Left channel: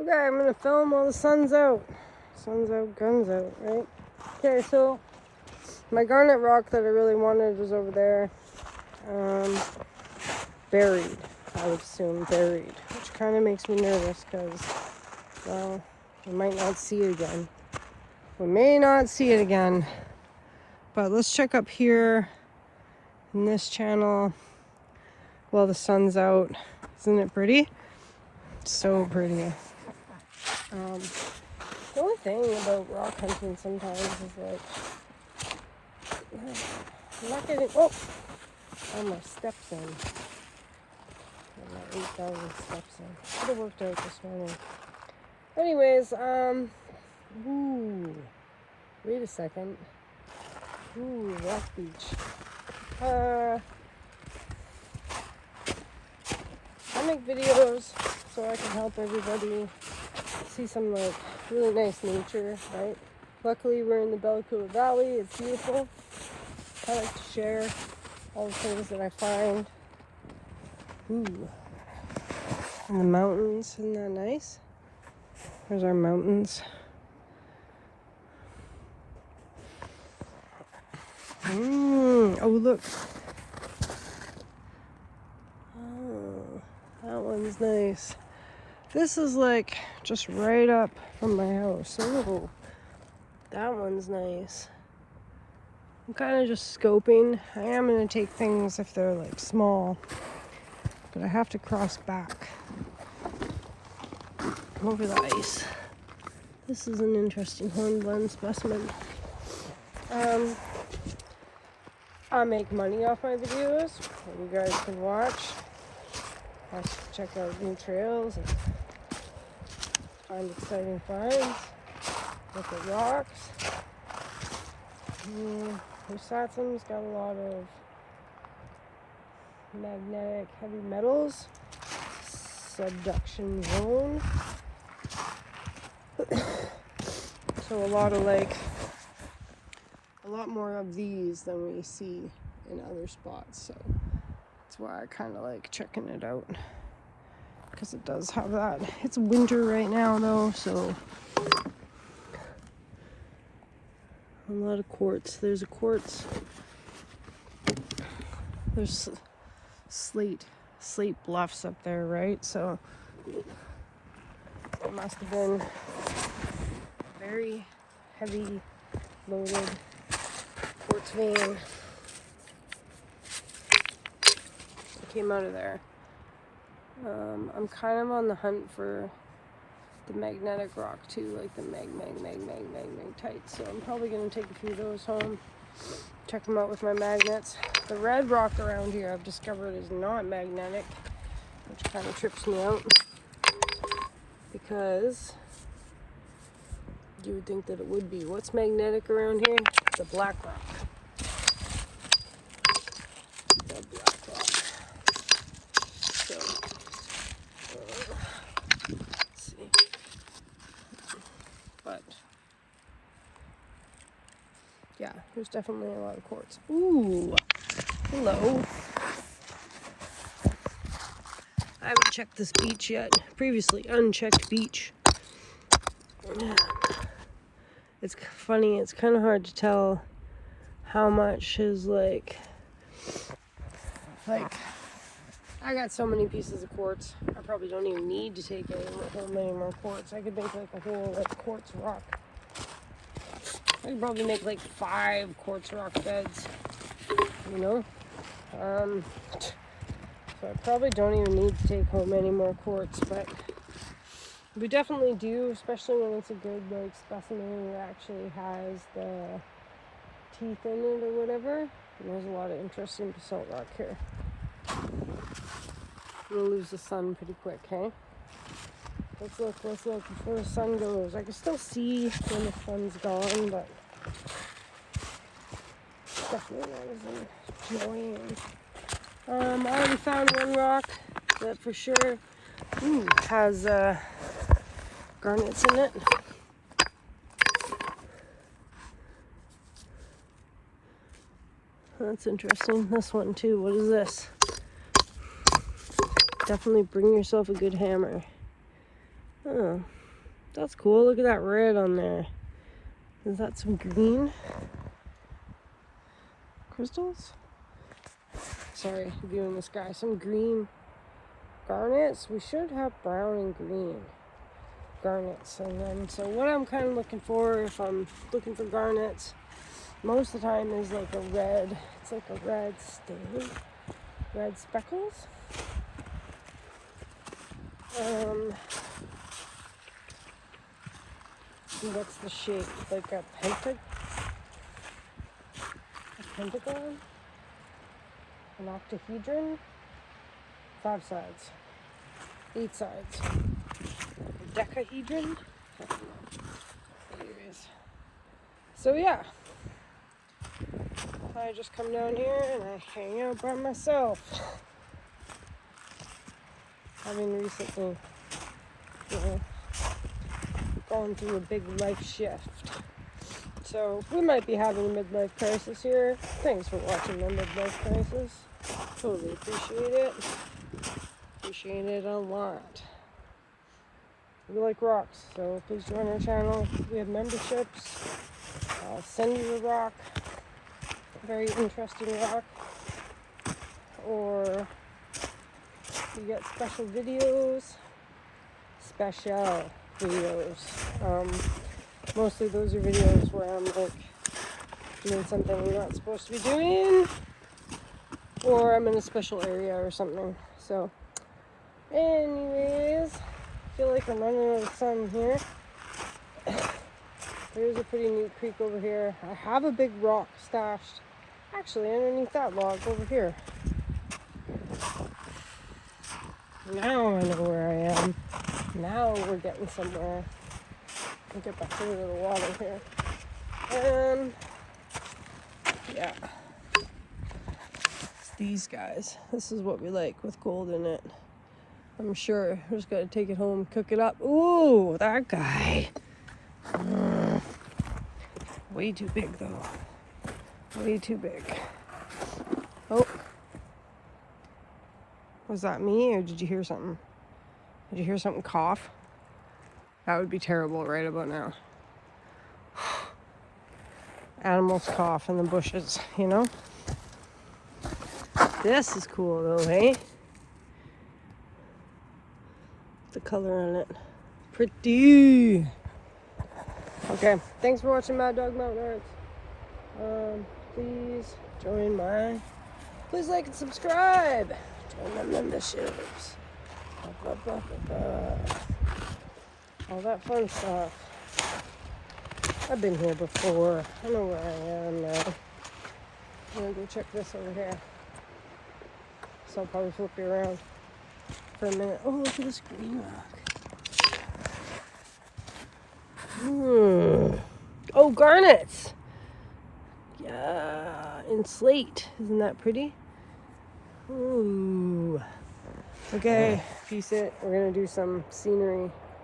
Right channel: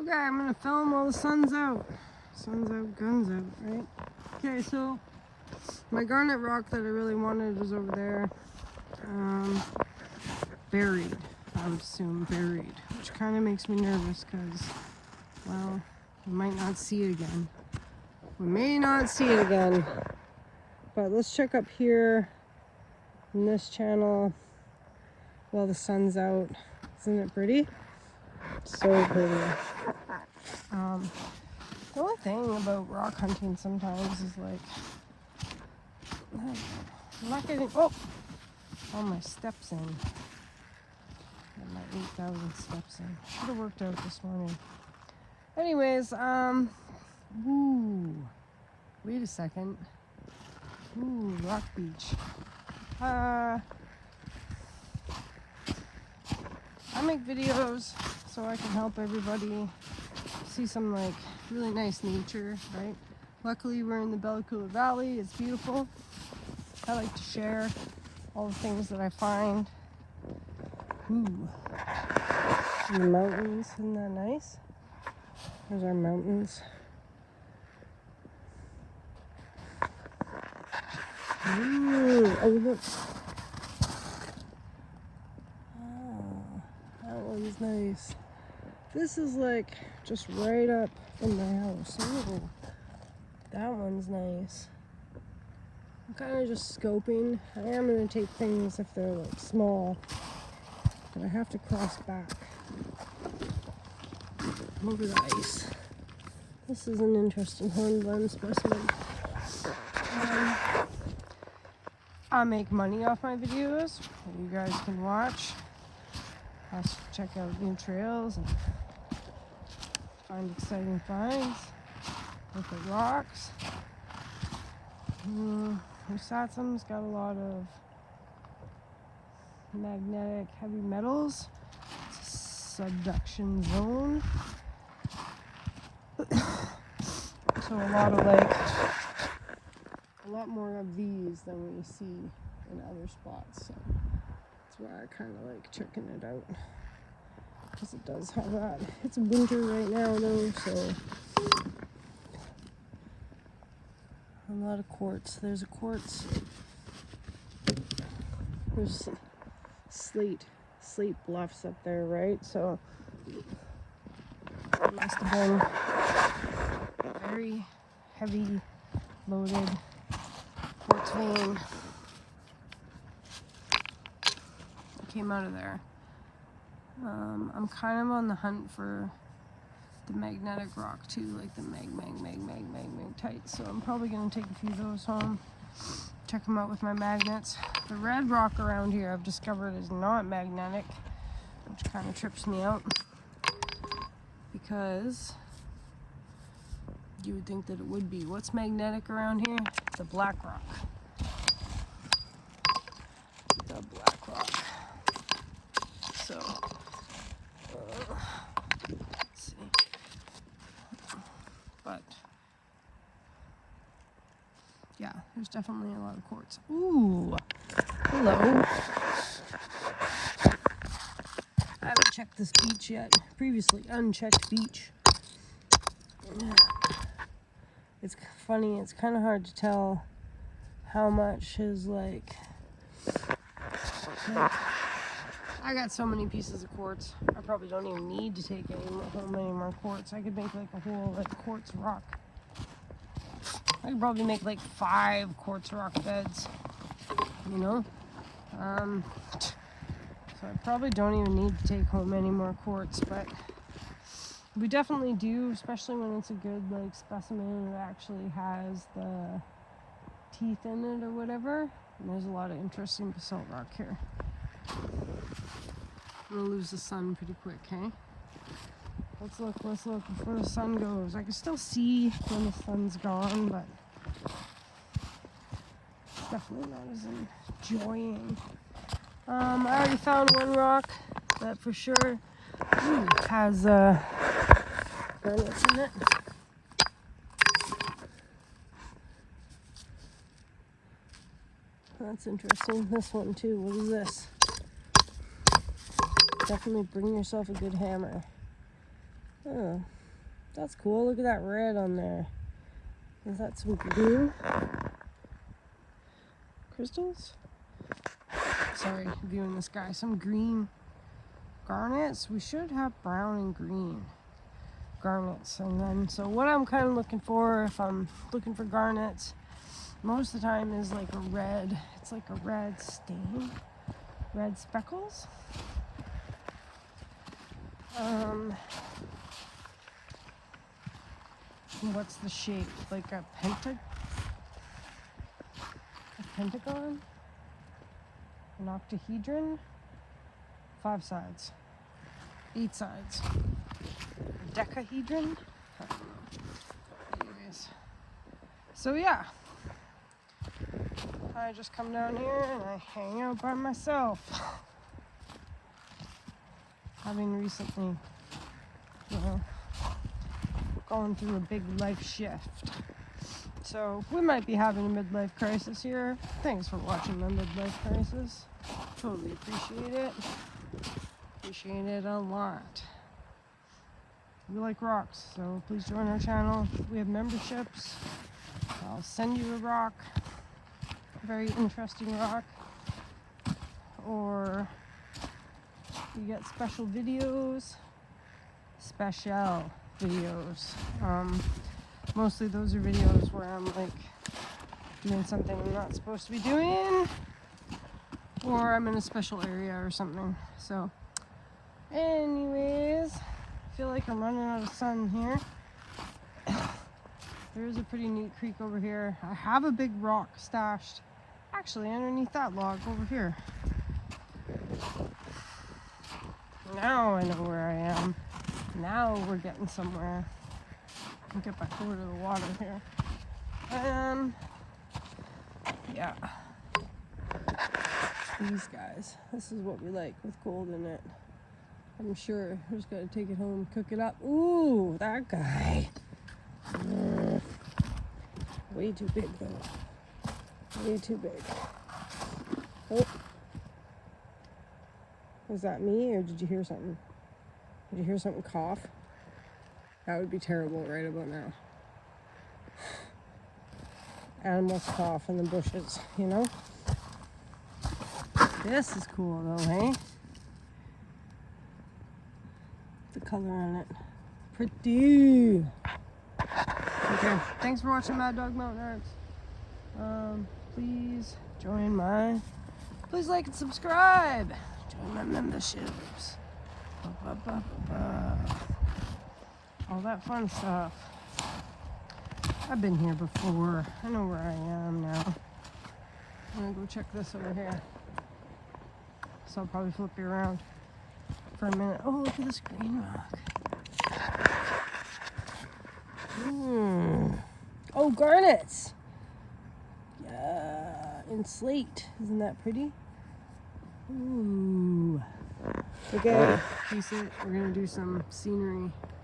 Okay, I'm gonna film while the sun's out. Sun's out, guns out, right? Okay, so my garnet rock that I really wanted was over there. Buried, I would assume buried, which kind of makes me nervous because, well, we might not see it again. We may not see it again. But let's check up here in this channel while the sun's out. Isn't it pretty? It's so pretty. The only thing about rock hunting sometimes is like, I'm not getting, all my steps in. Got my 8,000 steps in. Should have worked out this morning. Anyways, ooh, wait a second. Ooh, Rock Beach. I make videos so I can help everybody see some like really nice nature, right? Luckily we're in the Bella Coola Valley. It's beautiful. I like to share all the things that I find. Ooh, and the mountains, isn't that nice? There's our mountains. Oh look. Oh, that one's nice. This is like just right up from my house. Ooh, that one's nice. I'm kind of just scoping. I am going to take things if they're like small, but I have to cross back over the ice. This is an interesting hornblende specimen. I make money off my videos that you guys can watch. I check out new trails and find exciting finds. Look at rocks. Husatsum's got a lot of magnetic heavy metals. Subduction zone. So a lot more of these than we see in other spots. So that's why I kind of like checking it out, because it does have that. It's winter right now though, so a lot of quartz. There's a quartz. There's slate bluffs up there, right? So it must have been very heavy loaded quartz vein. It came out of there. I'm kind of on the hunt for the magnetic rock too, like the magnetite. So I'm probably gonna take a few of those home, check them out with my magnets. The red rock around here I've discovered is not magnetic, which kind of trips me out, because you would think that it would be. What's magnetic around here? The black rock. The black rock. So, let's see. But, yeah, there's definitely a lot of quartz. Ooh, hello. I haven't checked this beach yet. Previously unchecked beach. It's funny, it's kind of hard to tell how much is like, I got so many pieces of quartz. I probably don't even need to take home any more quartz. I could make like a whole like quartz rock. I could probably make like 5 quartz rock beds, you know? So I probably don't even need to take home any more quartz, but we definitely do, especially when it's a good like specimen that actually has the teeth in it or whatever. And there's a lot of interesting basalt rock here. I'm gonna lose the sun pretty quick, hey? Let's look before the sun goes. I can still see when the sun's gone, but definitely not as enjoying. I already found one rock that for sure has garnets in it. That's interesting. This one too. What is this? Definitely bring yourself a good hammer. Oh, that's cool. Look at that red on there. Is that some green crystals? Sorry, viewing the sky. Some green garnets. We should have brown and green garnets. And then, so what I'm kind of looking for, if I'm looking for garnets, most of the time is like a red. It's like a red stain, red speckles. What's the shape? Like a pentagon? An octahedron? 5 sides. 8 sides. A decahedron? I don't know. Anyways. So yeah. I just come down here and I hang out by myself. Having recently, gone through a big life shift. So we might be having a midlife crisis here. Thanks for watching my midlife crisis. Totally appreciate it. Appreciate it a lot. We like rocks, so please join our channel. We have memberships. I'll send you a rock, a very interesting rock, or you get special videos. Mostly those are videos where I'm like doing something I'm not supposed to be doing, or I'm in a special area or something. So anyways, I feel like I'm running out of sun here. There is a pretty neat creek over here. I have a big rock stashed actually underneath that log over here. Now I know where I am. Now we're getting somewhere. I'll get back over to the water here. Yeah. These guys. This is what we like with gold in it. I'm sure. I just gotta take it home, cook it up. Ooh, that guy. Way too big though. Way too big. Oh. Was that me or did you hear something? Did you hear something cough? That would be terrible right about now. Animals cough in the bushes, you know? This is cool though, hey? The color on it. Pretty. Okay, thanks for watching Mad Dog Mountain Arts. Please please like and subscribe. Join my memberships. All that fun stuff. I've been here before. I know where I am now. I'm gonna go check this over here. So I'll probably flip you around for a minute. Oh, look at this green rock. Oh, garnets. Yeah, in slate. Isn't that pretty? Ooh. Okay, peace it. We're gonna do some scenery.